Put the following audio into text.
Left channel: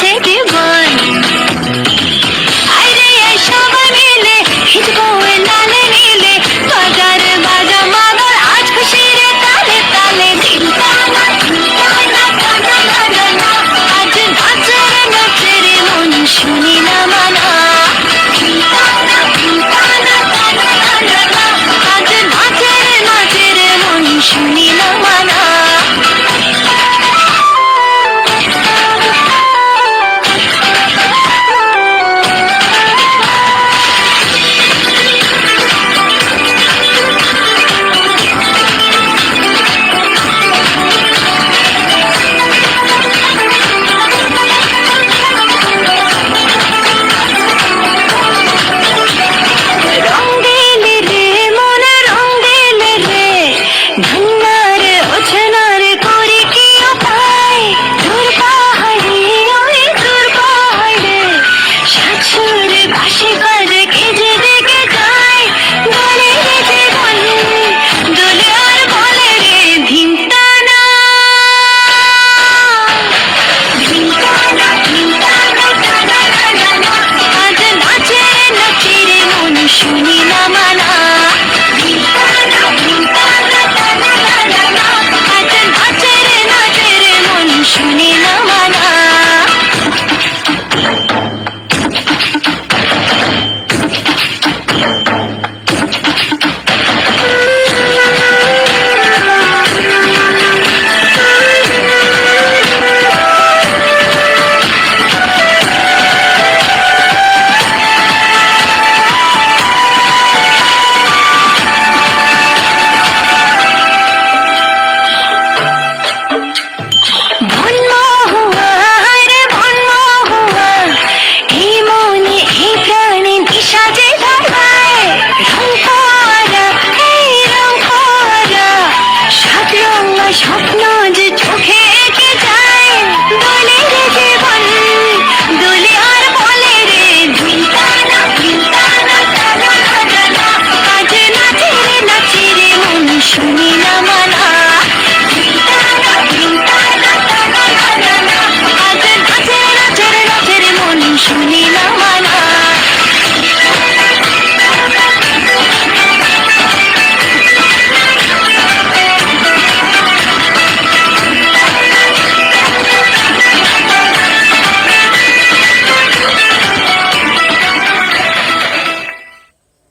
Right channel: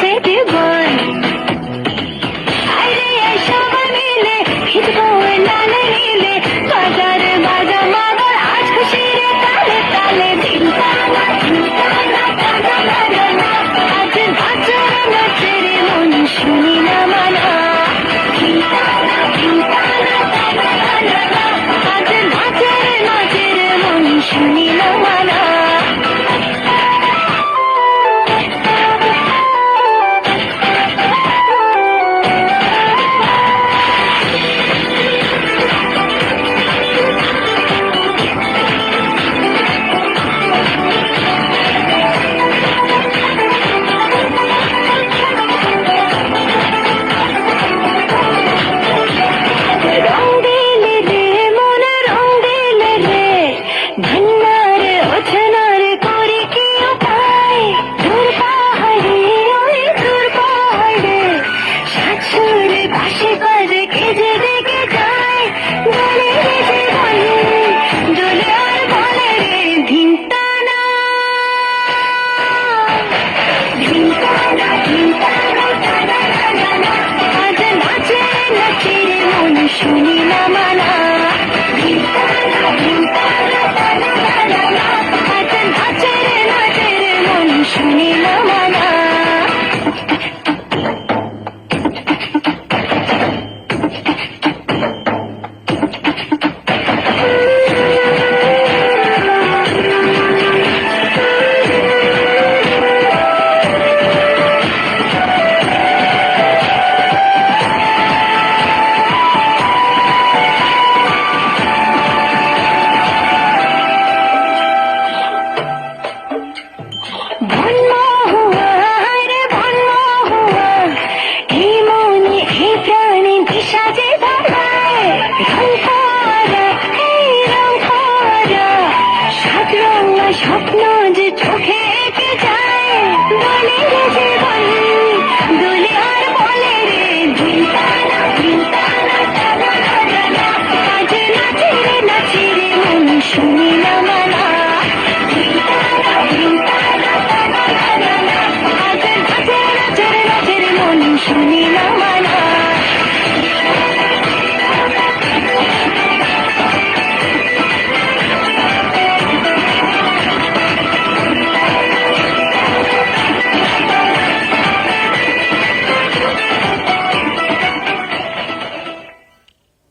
Thank you.